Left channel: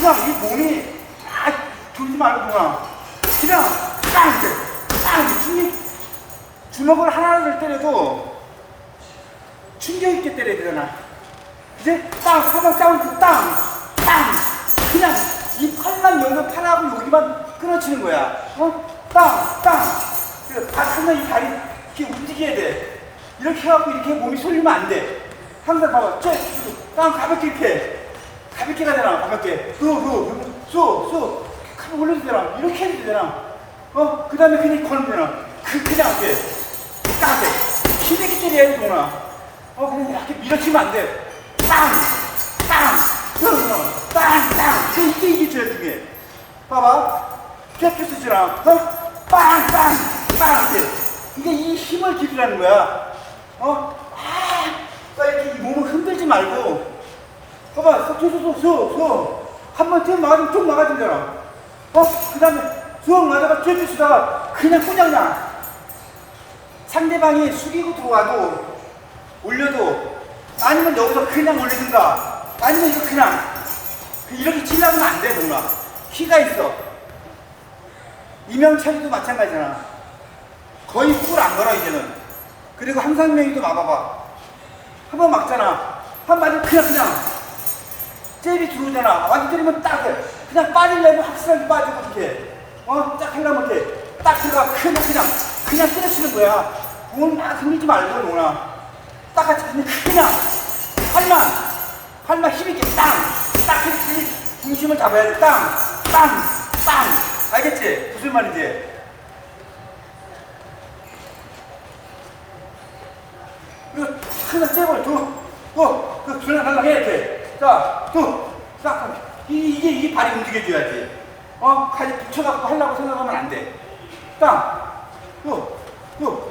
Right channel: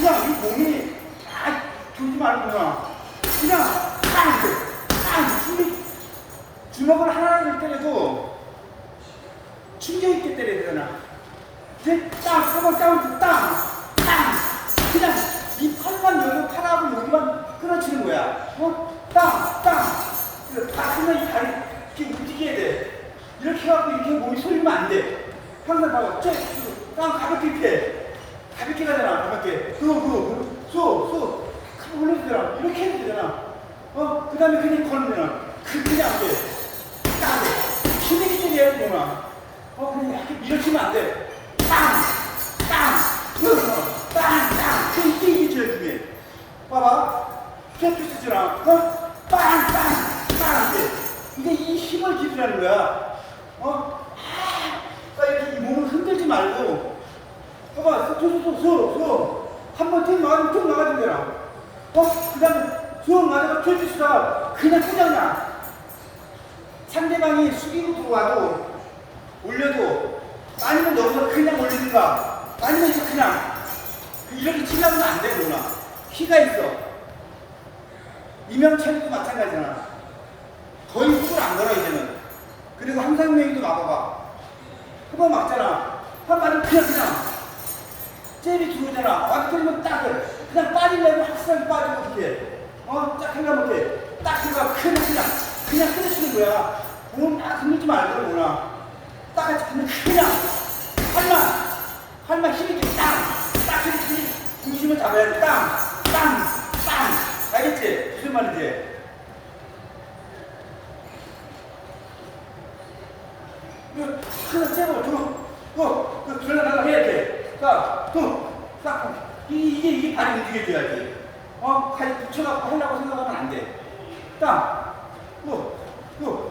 그냥 이 몸이 딱 돌지 말고 그냥 그냥 땅 이렇게 땅 이렇게 주먹을 하나를 때려도 충격 있게 때려야 되잖아. 이제 땅, 사방 땅, 땅, 땅. 그냥 이 팔만 열면 팔하고 여기만 끊어치는 거야. 어? 땅, 땅. 다 하면 이 다리 이렇게 움직여야 돼. 이렇게 해갖고 이렇게 몸이 쏠리면 안 돼. 항상 봐봐. 쟤, 땅 가볍게 이렇게. 해. 가볍게 가잖아, 가볍게. 그, 그, 쏘, 쏘. 가볍게 올려도 되잖아. 이렇게 해도 되잖아. 어? 그 다음에 그냥 걸으면 되잖아. 그, 그냥 안 돼. 딱 돼. 힘있게 때려야 돼, 동아. 어, 근데 이렇게 밀어치면 안 돼. 빵! 빵! 그, 빵! 빵! 그, 이게, 이게 제일 중요해. 봐봐. 쫙 쓰잖아. 어? 빵! 빵! 빵! 이게. 이게 이 힘을 기르라는 거야. 어? 아, 이렇게 이 몸을 흔들지 말고. 소, 소, 소. 한번 쭉 나가면 쭉 나가진잖아. 어? 그 다음에 쭉 나가다가 쭉 쓰다가 그냥 꼬장냐. 상대방이 숙이고 들어와도 올려도 아니면 여기서 그냥 올리든가 아니면 이거 그냥 그 이렇게 치려면 안 돼, 뭔가. 키가 있어. 이명찬이도 마찬가지잖아. 거의 훅을 안 걸어, 이제는. 그리고 한상명이도 막아봐. 한 번 막잖아. 한번 맞으면 그냥, 그냥. 잽이 들어오잖아. 완전 때리면 딱, 해. 그냥 빠지려면 확실하게 빠지고, 이렇게. 어? 딱 하려면 이렇게. 딱 들어가. 그냥, 그냥. 그냥 때려치는 거야. 몸막 흔들지 말고, 뭐나. 딱 같이 그냥, 그냥. 팔만. 팔만 힘있게 땅. 딱 힘, 힘, 중심을 잡아야 돼. 땅. 땅. 땅. 알겠지? 무슨 말인지? 이거 하나 째고 두, 또, 그 줄여달라고 해, 이렇게. 자, 두, 싹. 이, 이게, 이게 발이 움직여줘야지. 어? 칼이 붙여갖고 하려고 생각하면 안 돼. 땅. 또, 또,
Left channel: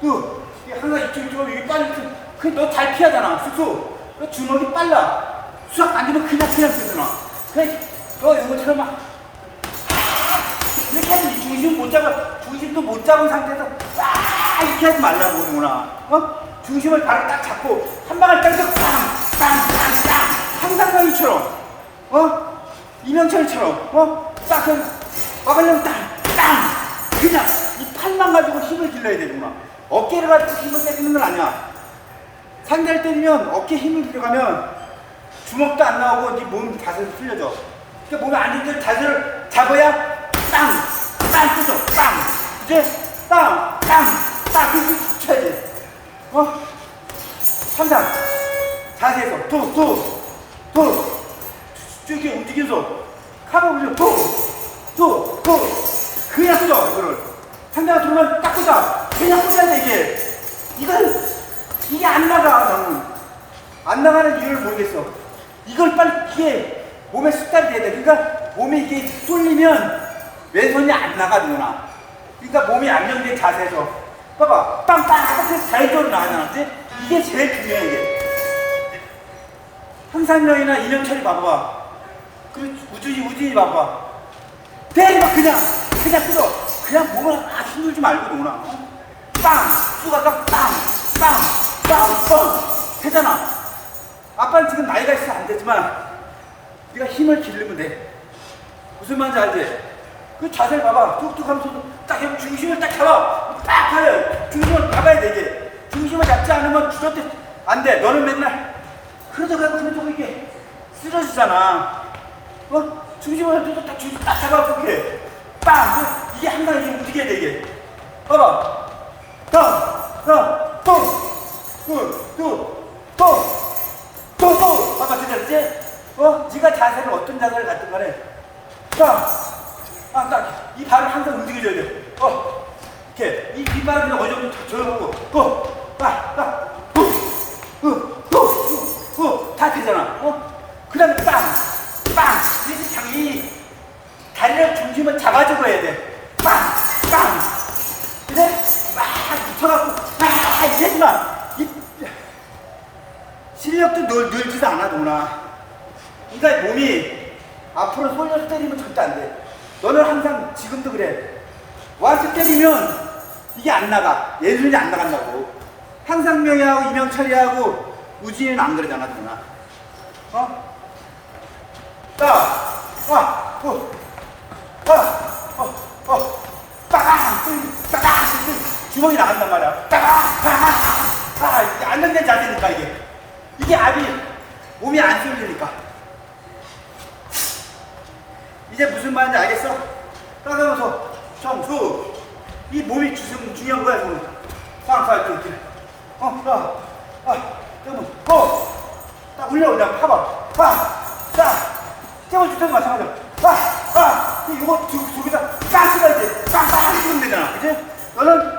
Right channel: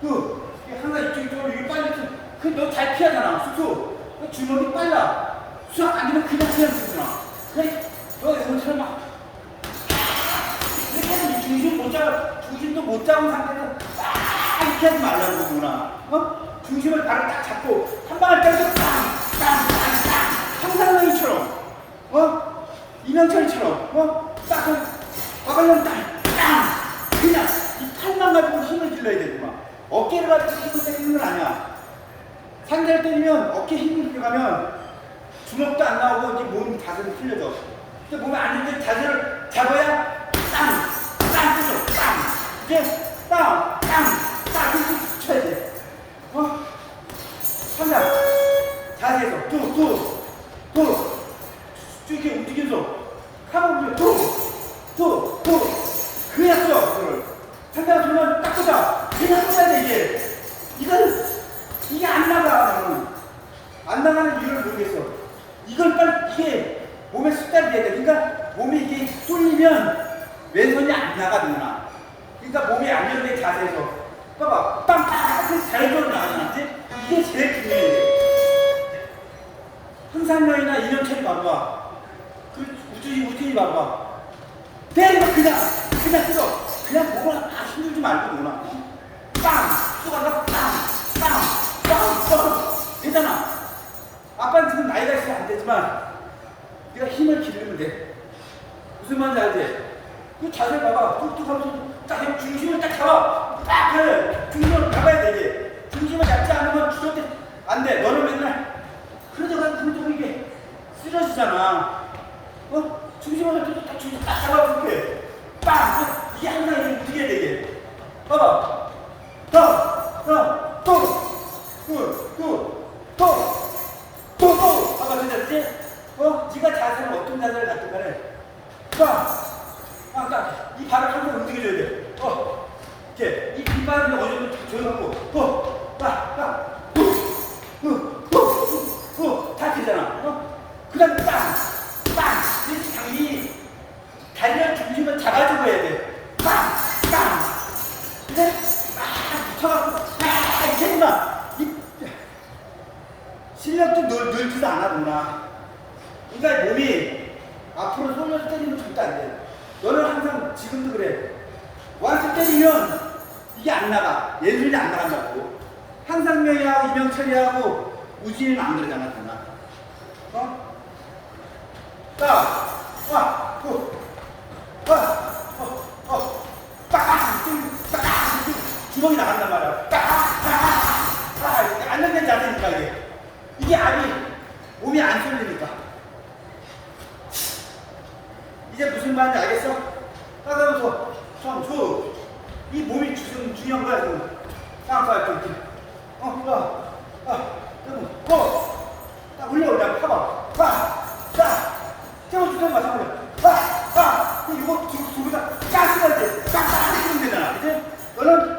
또. 이게 하나 이쪽, 이쪽, 이게 빨리, 그, 너잘 피하잖아, 쑥쑥. 너 주먹이 빨라. 수학 안 되면 그냥 그냥 쓰잖아. 그래, 너 이것처럼 막, 이렇게 이 중심 못 잡아, 중심도 못 잡은 상태에서 딱 이렇게 하지 말라고, 누나. 어? 중심을 바로 딱 잡고, 한 방을 때려서 빵, 빵. 황상명이처럼, 어? 이명철처럼, 어? 딱, 그, 막으려면 땅, 땅. 그냥, 이 팔만 가지고 힘을 길러야 되구나. 어깨를 가지고 힘을 때리는 건 아니야. 상대를 때리면 어깨 힘이 들어가면 주먹도 안 나오고 네 몸 자세도 풀려져. 그러니까 몸에 안 좋은 자세를 잡아야 땅, 땅 뜨죠. 땅. 이제 땅, 땅, 땅 이렇게 쳐야 돼. 어? 항상 자세에서 도, 도, 도. 쭉 이렇게 움직여서 카바 올려 도. 그냥 써 이거를. 상대가 들어오면 딱 꽂아. 그냥 꽂아야 돼 이게. 이건 이게 안 나가 나는. 안 나가는 이유를 모르겠어. 이걸 빨리 이게 몸에 습관이 돼야 돼. 그러니까 몸이 이게 쏠리면 왼손이 안 나가 누나. 그러니까 몸이 안정된 자세에서 봐봐 빵빵 이렇게 자연적으로 나가잖아. 이게 제일 중요해 이게. 황상명이나 이명철이 봐봐. 그 우준이 우준이 봐봐. 때리면 그냥 그냥 뜯어. 그냥 몸을 아 힘들지 말고 노나. 빵 쏘다가 빵 빵 빵 빵 되잖아. 아빠는 지금 나이가 있어서 안 되지만 네가 힘을 기르면 돼. 무슨 말인지 알지? 그 자세를 봐봐. 뚝뚝 하면서 딱 해. 중심을 딱 잡아. 딱 그래. 중심을 잡아야 돼, 이제. 중심을 잡지 않으면 주저때 안 돼. 너는 맨날 그러다가 그러다가 이게 쓰러지잖아. 어? 중심을 잡고 딱 중심 딱 잡아. 그렇게. 빵! 이게 항상 이게 움직여야 돼, 이게. 봐봐. 더, 더, 또, 또, 또, 또. 또, 또! 봐봐, 괜찮지? 어? 네가 자세를 어떤 자세를 갖든 간에 딱! 아, 딱! 이 발을 항상 움직여줘야 돼. 어? 이렇게. 이 뒷발은 어느 정도 다 조용하고, 어? 중심을 잡아주고 해야 돼. 빵! 빵! 그래? 막 붙여갖고, 막 마. 이, 실력도 늘, 늘지도 않아, 누나. 그러니까 몸이 앞으로 쏠려서 때리면 절대 안 돼. 너는 항상 지금도 그래. 와서 때리면 이게 안 나가. 예술이 안 나간다고. 한상명이하고 이명철이하고 우진이는 안 그러잖아, 누나. 어? 딱, 아, 어, 주먹이 나간단 말이야. 아, 이게 안면된 자세니까 이게. 이게 압이 몸이 안 쏠리니까. 이제 무슨 말인지 알겠어? 따라오서 청소. 이 몸이 주, 중요한 거야, 지금. 쌍쌍, ตึ,ตึ. 어, 아, 아, 여러분, 어, 딱 올려, 그냥 파봐. 파, 자, 깨워줄 때는 마찬가지야. 아, 아, 이거 두개다 두 빤스할 때 빤빤 해주면 되잖아. 그지? 너는